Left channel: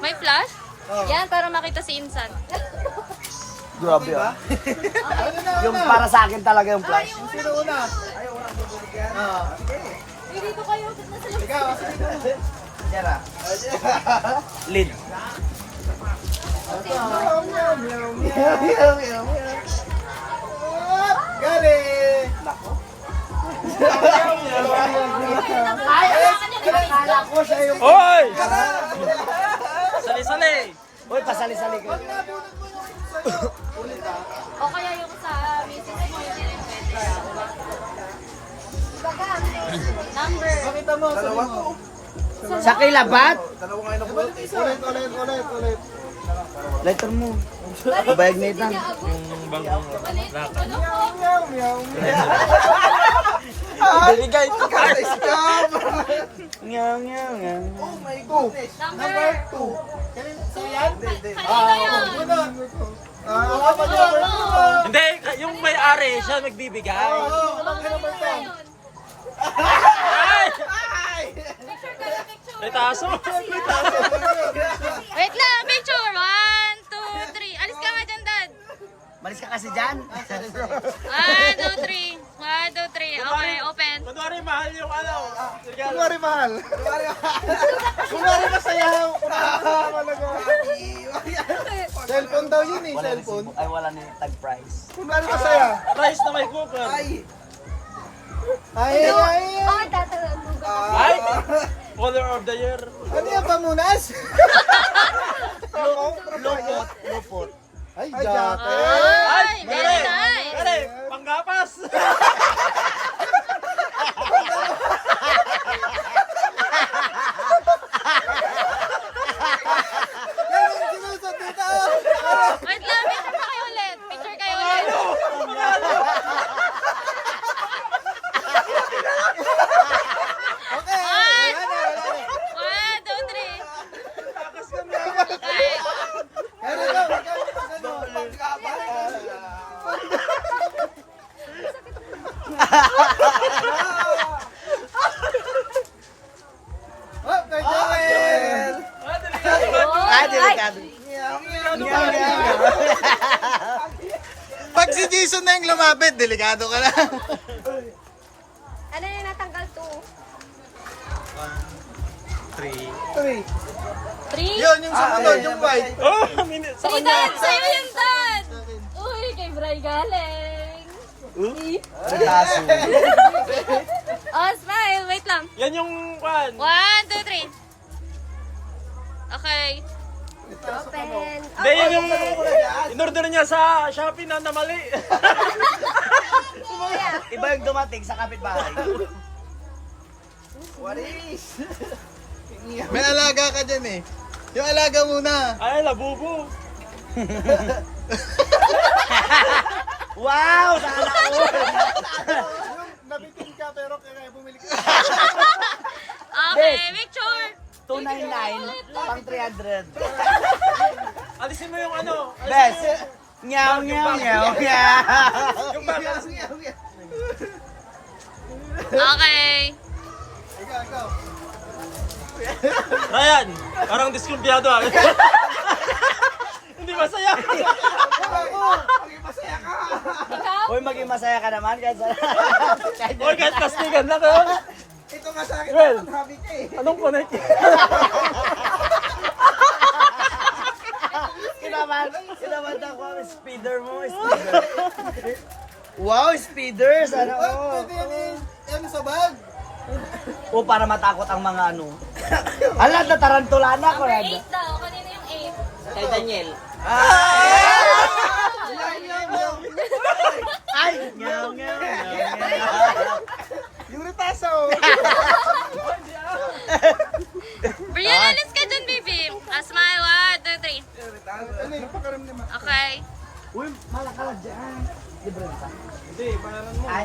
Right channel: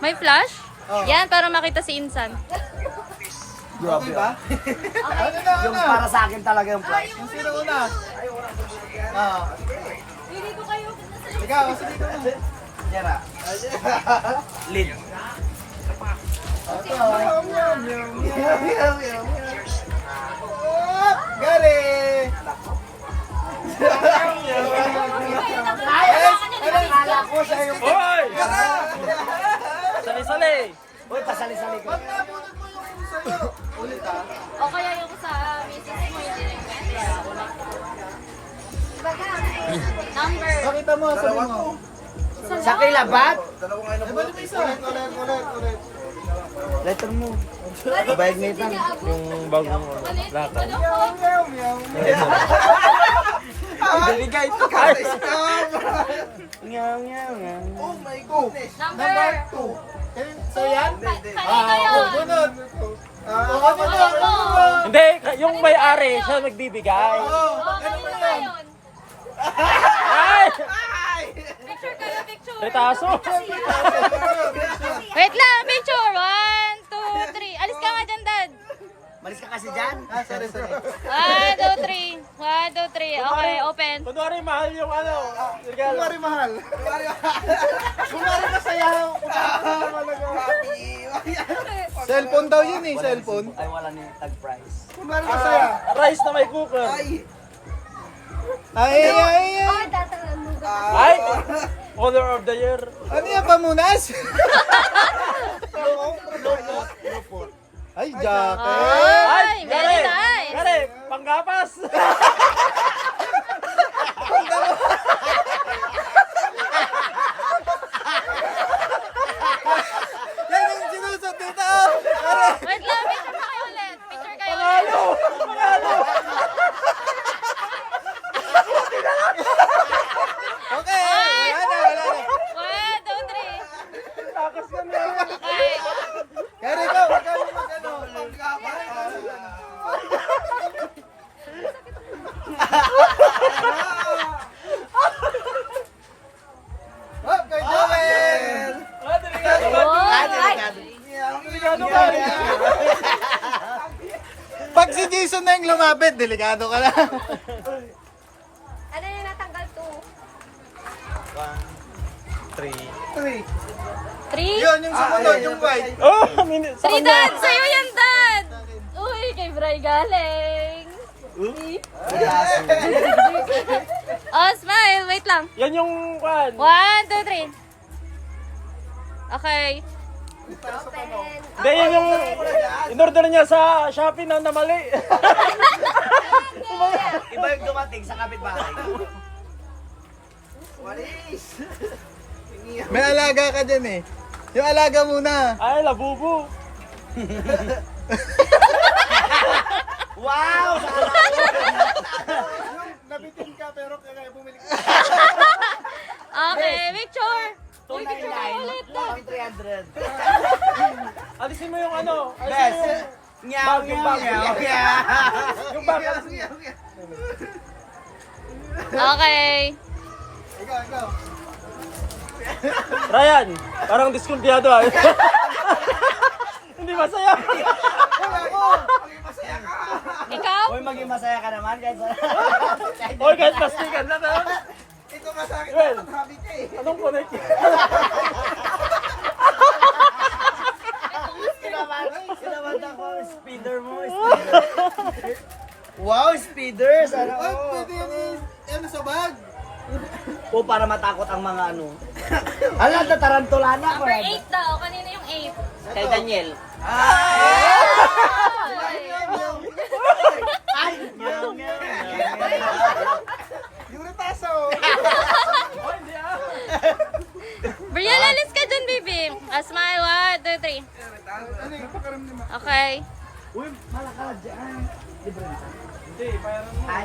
May flash? Oh. Yan, para makita si Insan. Grabe ba? Yung para sa akin talaga yung flash. Yung sino una? Ah. Dito kayo. Ikaw, sige ko na. Yara. Lead. Ito. Galing! Kala ko siya yung... Hoy! Sali-sali! Uy, pasali-sali ko. Pag nabunod mo yung sa'yo, ulit ah. O kaya yung sa misis mo, hindi rin pwede. Kaya ulit. Number. Pakita mo, sabi mo. Sa kilabat? Eh, balik isa. Ulit. Letter mo. Bayag nito. Yung bagong lata. Meow, meow, meow. Bibigay ito. Oh my goodness. Number 2. So yan? Kanina yun. Bunod. Ako na. Hindi, yung may-ari, siya nagbibigay. Kanina yun. Ay! Picture kayo, picture. May taso. Wait lang, picture. 1, 2, 3. Alis ka nga dyan, Dad. Malis ka kasi dyan. Sorry. 1, 2, 3. 1, 2, 3. Okay, open. Kunwari mahal yung ano. Regalo. Kumari mahal. Kumari masaya. Cellphone daw yun eh, cellphone. Ay, wala ni tag price. Kumari masaya. Rice na may cooker. Ay. Ay! Order of the year. Ano yung pamunas? Lupot. Ay, jacket. Ay, very Gare! nice. Gare! Panggapas! Yan yung sinusot dito. Wait lang, picture pa kayo ulit. Picture kayo ulit. Okay. One, Wala na. 1, 2, 3. Tapos kami. Okay. Kaya ikaw, magkano. Oh, kay Joel! Pag si Jason na yung lumapit, delikado ka na. Ano yung natanggal to? 3. 3? Yun, yung sumunod, yung white. Oh, minute. 3, Dad! Sa'yo yan, Dad! Uy, kay Bray galing. Oh, smile. Wait lang. Yan yung kwan. 1, 2, 3. Okay. Hindi, yun yung in-order niya sa Shopee na mali. Iba yung dumating sa kapitbahay. May alaga ka dyan eh. Yung alaga muna. Ay, labubo. Wow! Yung nabitin ka pero kailangan bumili ka. Okay, picture. 299, 300. Alisin mo yung ano. Alisin Best. mo yung... Nyaw, nyaw, nyaw, Yung bag, alisin mo. Okay. Ikaw. Ryan, parang diskumpiyado ah. Hindi masaya. Ikaw? Uy, maging masaya ka naman. Oy, kahit plastikan na kayo. Ito nga sa akin, Well, habit ka eh. anong connect? Sinaman ako, speeder mo, speeder. Wow, speeders! Ano Ay, pwede yun. Ano sa bag? O para matakot ang mga ano. Ala, tatarantulana ko. Number 8 daw. Kanina yung 8. Kay Daniel. Ay! Nyaw, nyaw, Yung retaso. Brian, alis ka dun, baby. Smile. 1, 2, 3. Ano yung pakaramdam mo? Okay. Uy, malakala dyan. Libre na ka? Hindi, bayaran mo. Ay,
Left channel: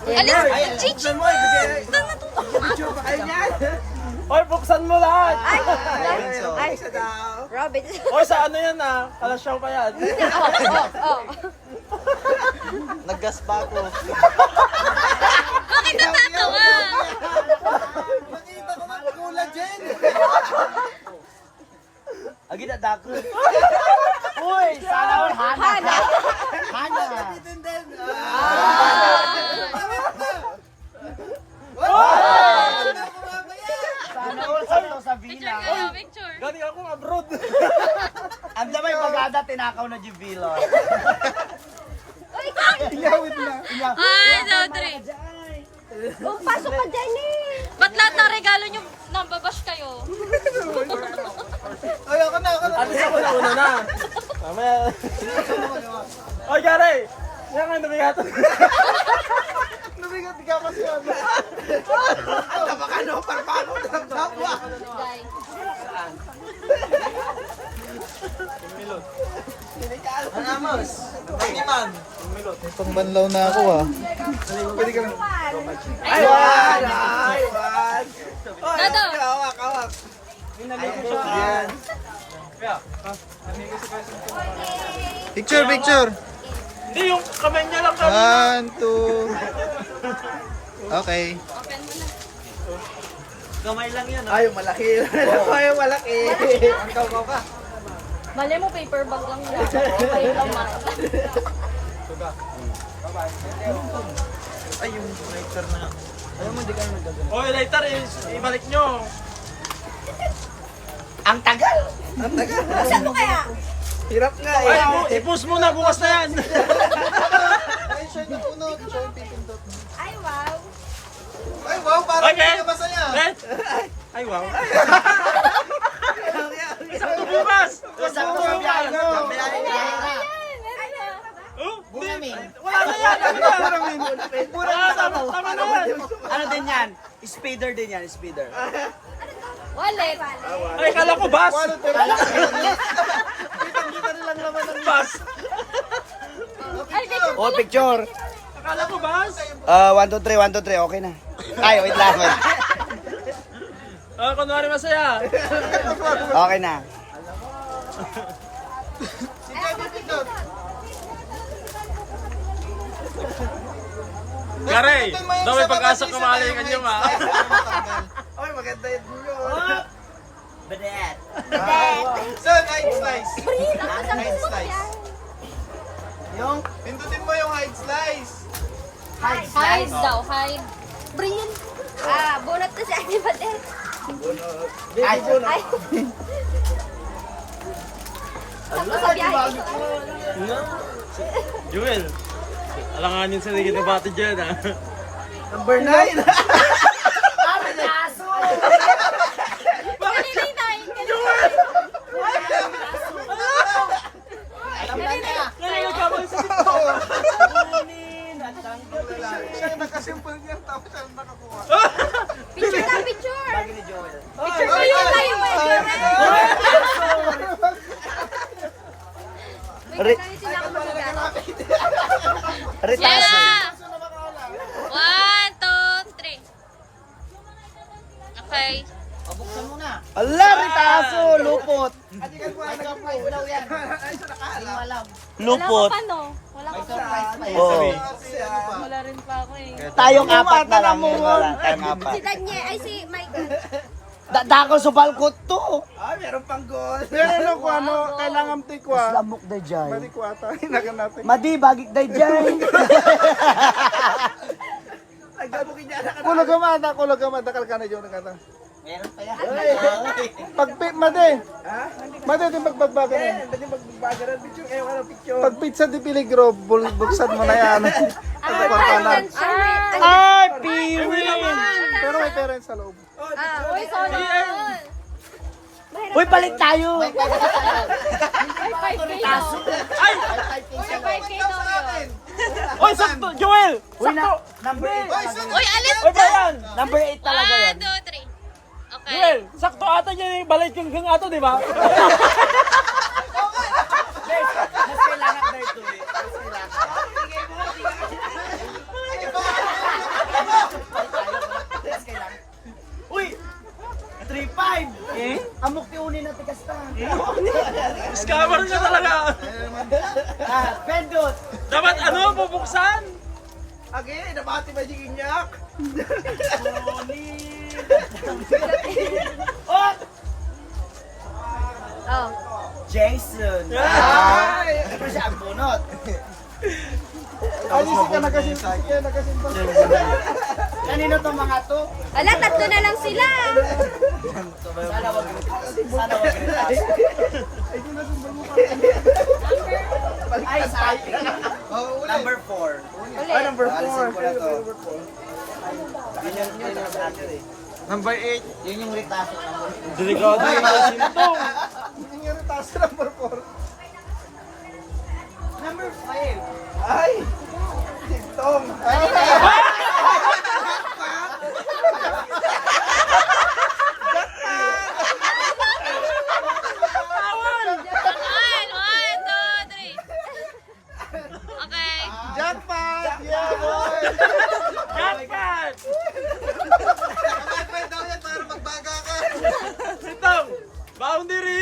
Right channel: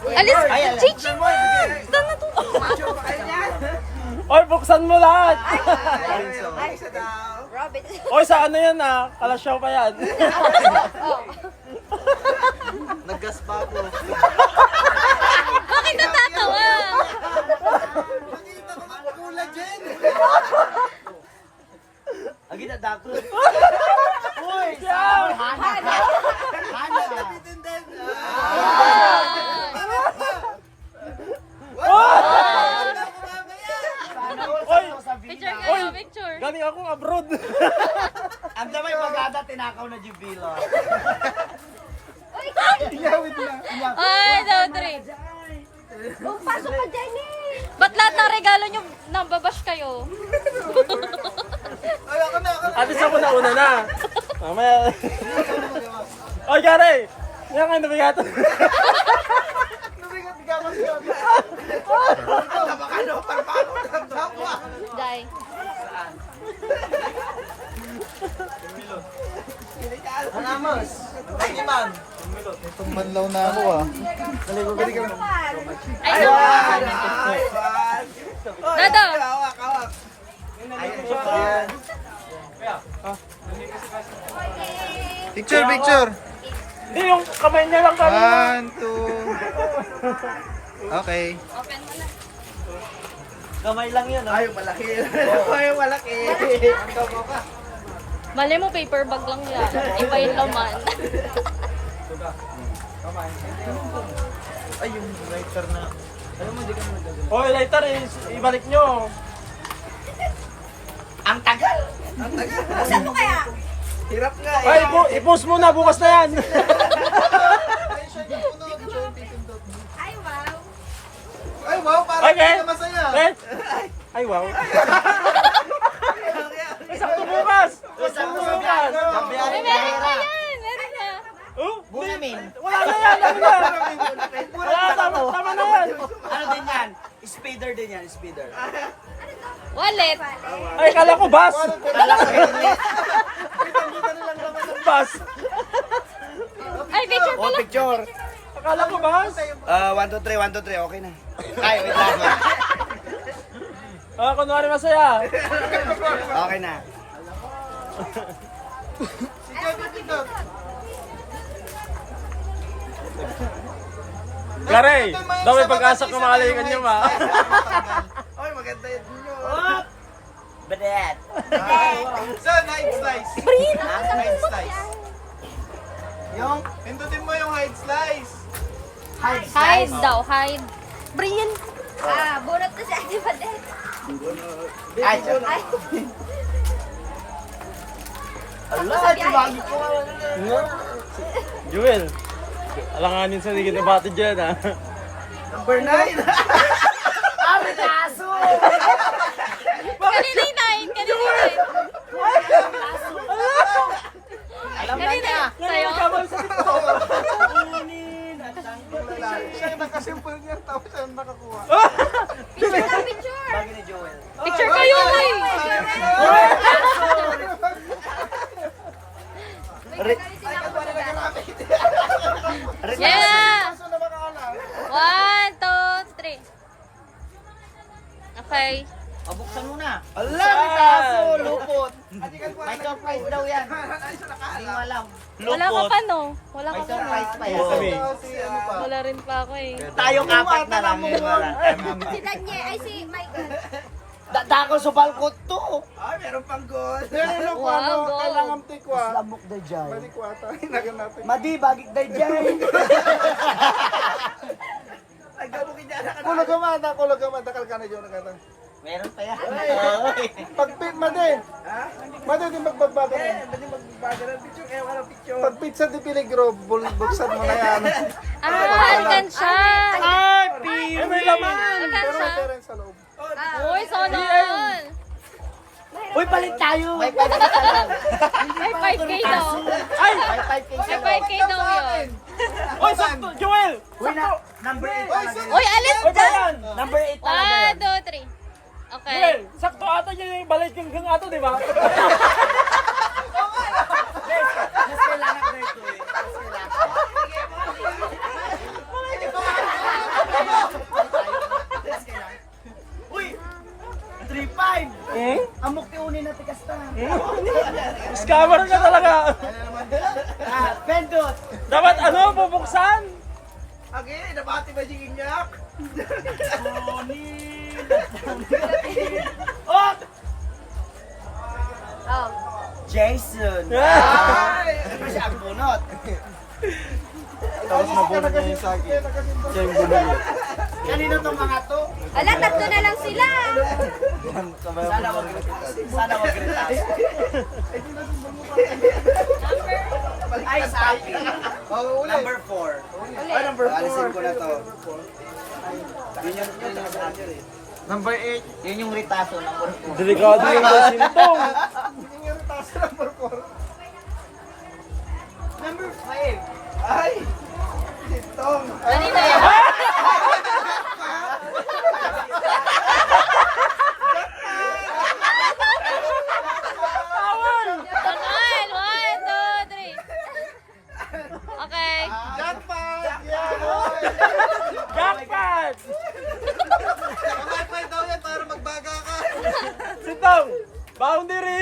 Alis. Chichi. Tama to. Picture pa kayo niyan? Oy, buksan mo lahat. Ay, sa daw. Robin. Oy, sa ano yan ah? Kalasyaw pa yan. Naggas pa ako. Bakit natatawa? Nakita ko na kulad dyan. ako. Uy, sana Hana. Hana. Lapitin din. Sana all sakto sa Picture villa. kayo, picture. Galing akong abroad. Ang damay pagkada tinakaw na Jubilo. Iyawit na. One, two, three. Ba't lahat ng regalo nyo nababash kayo? Ay, ako na. Atis ako na una na. Mamaya. Ikaw na magawa. Oy, Gary! Yan nga, nabigat. Nabigat ikaw kasi yun. Day. Ang amos. Pag-iman. Pangbanlaw na ako ah. Ay, no. Nado. Picture, picture. Hindi, yung kamay niya lang kami. 1, 2. Okay. Open mo na. Kamay lang yan. Ay, malaki. Ay, malaki. Mali mo, paper bag lang yan. Iba yung laman. Ay, yung lighter na. Oy, lighter, ibalik nyo. Ang tagal. Hirap nga Ay, i-post mo na, bukas na yan. Ay, wow, parang Okay. hindi na masaya. Eh? Ay, wow. Isang bukas. Isang bukas. Meron na yan. Meron na. Oh, wala na yan. Ano na? Wala, tama na yan. Ano din yan? Speeder din yan, speeder. Wallet. Ay, kala ko bus. Bus. Ay, picture Oh, picture. Akala ko bus. 1, 2, 3, 1, 2, 3. Okay na. Ay, wait lang. Ah, kunwari masaya. Okay na. Si Kevin Pindot. Gary, daw may pag-asa kumalingan niyo ba? Ay, maganda yun. Badet. So, hide slice. Hide slice. Yung Pindutin mo yung hide slice. Hide daw, hide. Brilliant. Bunot na si Ate Badet. Ay, Jewel, alanganin sa ligid na bati dyan ah. Number 9. Kanina yung nine. Kanina yung nine. Kanina. Kaya nagkamali sa Siya yung nakasimple niya, tapos siya yung nakakuha. Picture na, picture. Bagay ni Joel. Picture kayo live. Yeah. One, two, three. Okay. Ala, may kaso, lupot. Wala ka pa, no? Wala ka pa. Oo. Wala rin pa ako eh. Tayong apat na lang yun. Tayong apat. Si Danye, ay si Michael. Dako sa balkot to. Ay, meron pang goal. Meron pa, ano, Wow, goal. kailangan tikwa. Lamok na dyan. Malikwa tayo, hinagan natin. Madi, bagik na dyan. Kulagama, dakal ka na dyan. Meron pa yan. Pagpit, made. Made, di magbagbagay. Pagpizza di Piligro, buksan mo na yan. Hanggan siya. Ay, piwi. Pero may pera yun sa loob. Uy, sana all. Uy, palit tayo. May 5K daw. Ay! May 5K daw yun. Oy, sakto! Joel! Uy, number 8 talaga yun. Uy, alis Oy, ka. bayan! Number 8 talaga One, yun. two, three. Okay. Joel, sakto ata niya yung balay king ato, di ba? Mas kailangan na ito eh. Mas kailangan. Uy! 3-5! Hmm? Amok ti uni na tikasta. Scammer na talaga. Pendot! Dapat ano, bubuksan? Okay, nabati ba yung inyak? Oh! Oh. Jason. Ano siya ang bunot? Tapos nabunod niya yung sa akin. Siya yung bumili. Kanino tong mga to? Ala, tatlo na lang sila. Sabayan Sana mo na wag rin. Sana wag retaso. Ay, sa akin. Oh, ulit. Number 4. Number 4. Alisin ko na to. Yun yung sa akin eh. Number 8. Yun yung retaso. Number 4. Delikado yung sintong. Yung yung taas number 4. Number 5. Ay! Sintong. Kanina yun. Tangal! 1, 2, 3. Okay. Jackpot! Jackpot! Mamay daw yan para magbaga ka. Sintong! Boundary!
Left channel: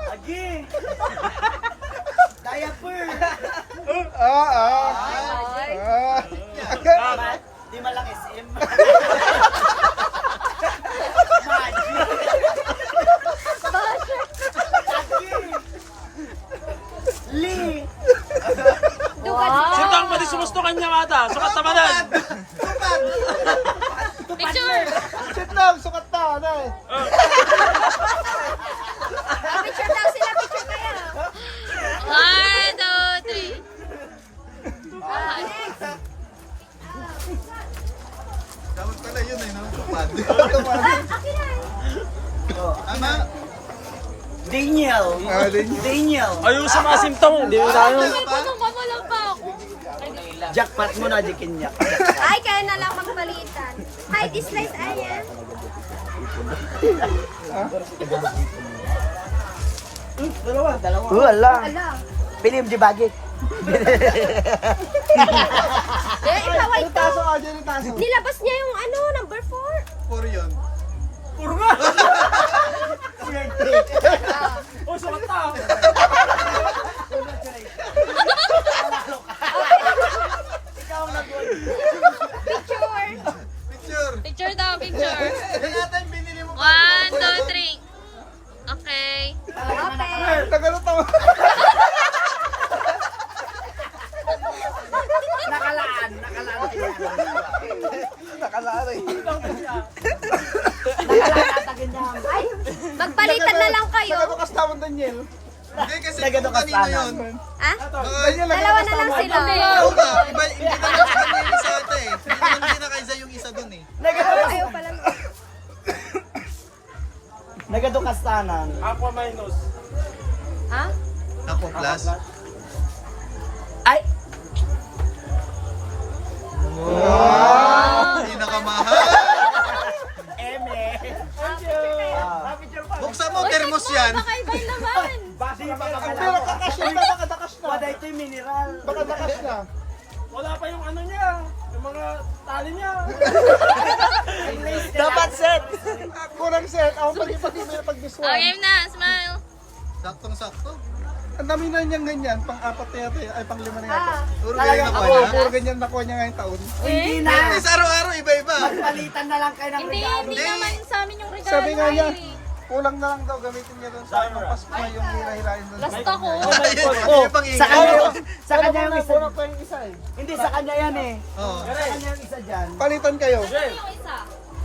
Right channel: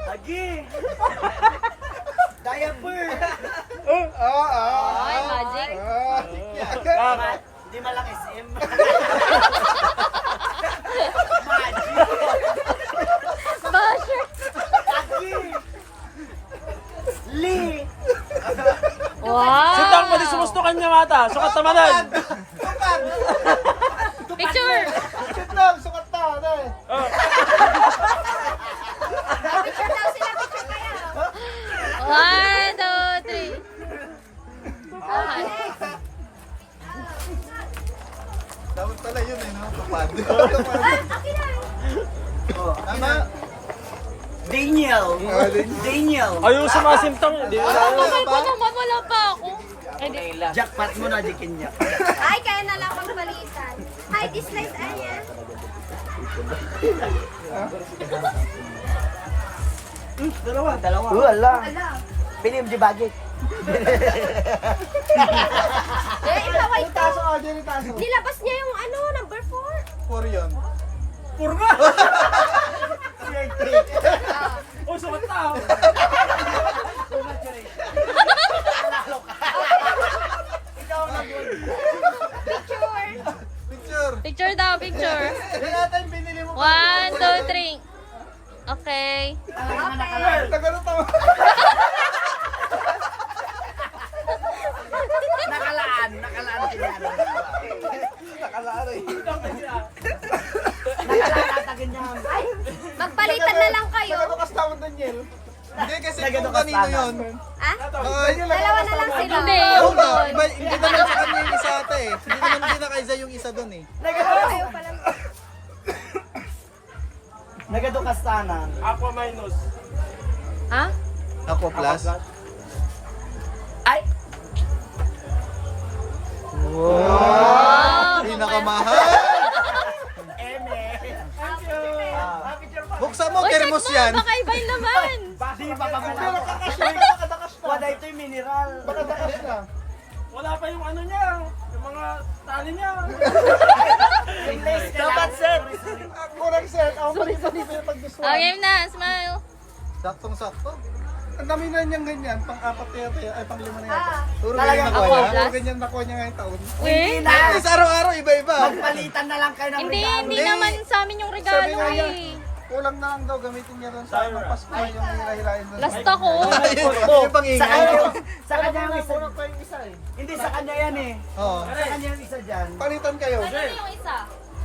Lagi. Diaper. Di malaki SM. Magic. Lagi. Lee. Wow. Sintong, pati sumustukan niya mata. Sukat na manan. Picture! Sintong, sukat na. Ano eh? Picture daw sila, picture kayo. 1, 2, 3. Dapat pala yun eh, no? Tupad. Akin na. Tama? Daniel. Daniel. Ayaw sa mga sintong. Hindi mo sa akin. Wala pa ako. Jackpot mo na, dikin niya. Ay, kaya na lang magpalitan. Hi, dislike ayan. Dalawa. Wala. Ala. Pilim di bagay. Eh, ikaw ay Taso ka dyan yung taso. nilabas niya yung ano, number 4. 4 yun. Oh, sukat na. Ikaw ang nag-win. Picture. Picture daw, picture. Yan natin binili mo. 1, 2, 3. Okay. Nagano tama. Nakalaan sila. Nakalaan eh. Nakalaan niya. Magpalitan na lang kayo. Nagadukas tawag Daniel. Hindi kasi kung Nagadukas kanino tama. yun. Ha? Daniel, Dalawa na lang sila. Oo nga, hindi naman sa kanya yung isa ata eh. Hindi naman kinakaisa yung isa dun eh. Kayo pa lang. Nagadukas tanan. Aqua minus. Ha? Ako plus. Ay! Wow! Pinakamahal! Eme! Buksan mo, thermos yan. Nakaibay naman. Di ba kabuka ko? Wala ito'y mineral. Wala pa yung ano niya. Yung mga tali niya. Yung lace nila. Dapat set. Kurang siya. Ako may pag-gusto. Oh, game na. Smile. Saktong-sakto. Ang dami na niyang ganyan. Pang-apat na yata. Ay, pang-lima na yata. Puro Talagang ganyan nakuha niya. ako. Puro ganyan nakuha niya ngayong taon. Hindi na. Tapos araw-araw, iba-iba. Magpalitan na lang kayo ng Hindi, regalo. hindi naman sa amin yung regalo. Sabi nga niya, eh. kulang na lang daw gamitin niya doon sa anong Pasko na yung hilahilahin doon. Last sa ako. Yung pang Sa kanya, ingay. sa kanya yung isa. Pa yung isa eh. Hindi, sa kanya yan eh. Oo. Sa kanya yung isa dyan. Palitan kayo. Ano yung isa?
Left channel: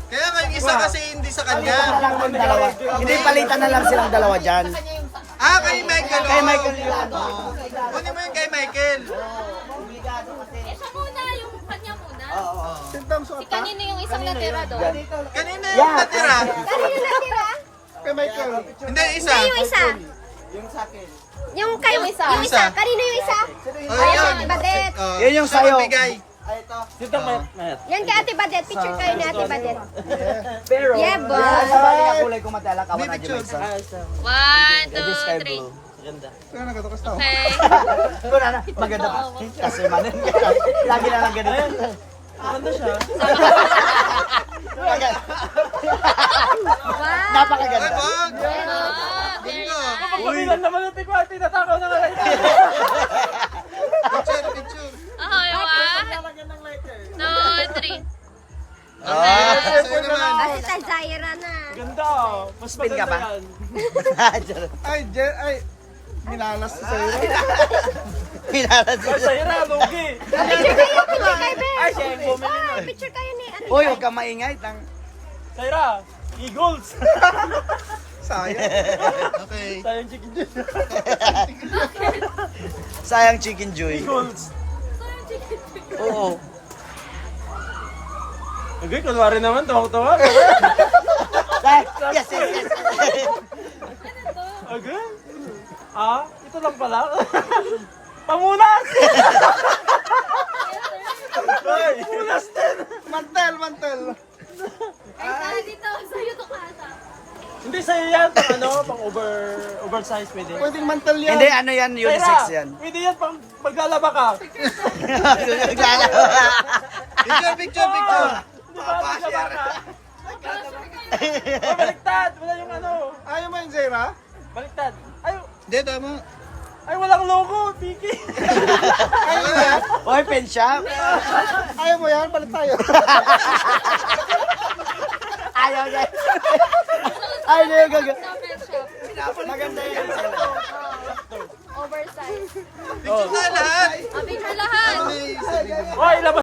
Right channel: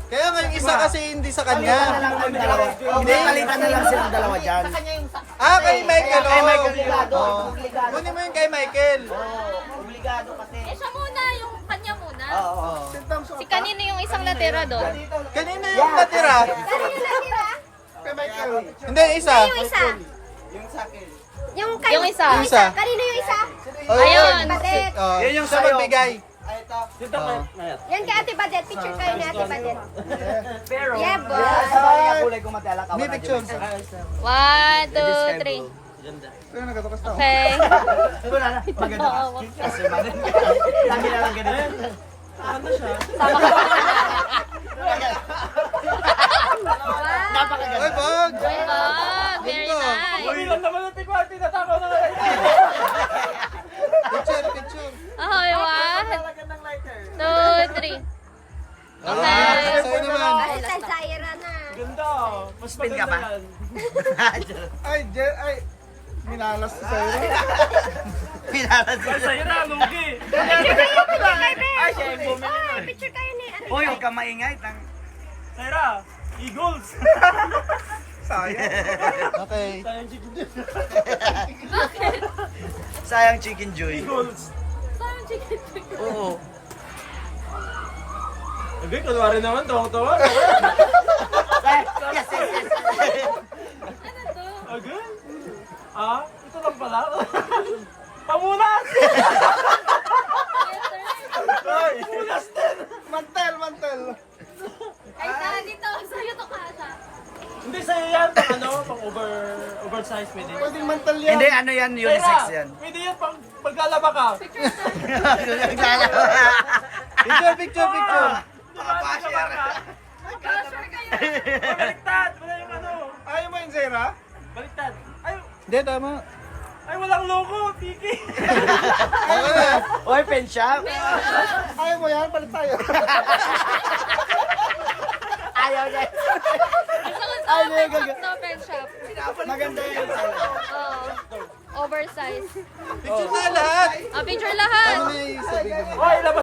Kaya nga yung isa kasi hindi sa Palitan na kanya. lang ng dalawa. Hindi, palitan na lang silang dalawa dyan. Ah, kay Michael. Kay oo. Michael Tirado. Oo. Kunin mo yung kay Michael. Eh, siya muna. Yung kanya muna. Oo. Si kanino yung isang natira doon? Kanina yung natira. Kanino natira? Kay Michael. Hindi, isa. Yung isa. Yung sa akin. Yung kayo. Yung isa. Yung isa. Kanino yung isa? Oh, Ayun. Badet. Yun yung siya sa'yo. magbigay. Ay, ito. Dito Oo. Yan kay Ate Badet. Picture tayo ni Ate Badet. Pero, Yeah, boy. ang kulay ko matala ka. Hindi picture. 1, 2, 3. Sino nagkatakas tao? Okay. Wala na. Maganda ka. Kasi manin. Lagi na lang ganun. Napakaganda. Ay, bag! Very Ganda. nice. Uy, lang naman yung tikwa. Tinatakaw na lang. Picture, picture. Okay, 1, Lalagyan ng lighter. 2, 3. Ah, sa'yo naman. Ay, Zaira na. Ganda. Spin ka ba? Ay, ay, minalas sa sa'yo. Pinalas mo. Sa'yo na, lugi. Picture kayo ni ano. Hoy, huwag ka maingay. Sa'yo na, Eagles. Sayang. Okay. Sayang chicken dyan. Sayang Chicken Joy. Eagles. Sayang chicken. Oo. Okay, kunwari naman, tawang-tawa. Yes, yes, yes. Okay. Ah, ito lang pala. Pamunas! Ay, Pamunas din! mantel, mantel. Ay, dito. Sa'yo to kasa. Hindi sa'yo yan, pang oversize pwede. Pwedeng mantel yan. Hindi, ano yan, unisex Sa'yo na, yan. Pwede yan pang paglalaba ka. Picture, picture, picture. Hindi ba paglalaba ka? Baliktad! Wala yung ano. Ayaw mo yun, Zera? Baliktad. Ay, Hindi, tama. ay walang logo, Tiki. Ayaw mo yan. Hoy, pen shop. Ayaw mo yan, palit tayo. Ayaw niya. Ay, hindi, gaga. No pet shop. Maganda yun. Oversize. Picture tayo lahat. Picture lahat. Ano na yung sabihin mo? Ay, labas.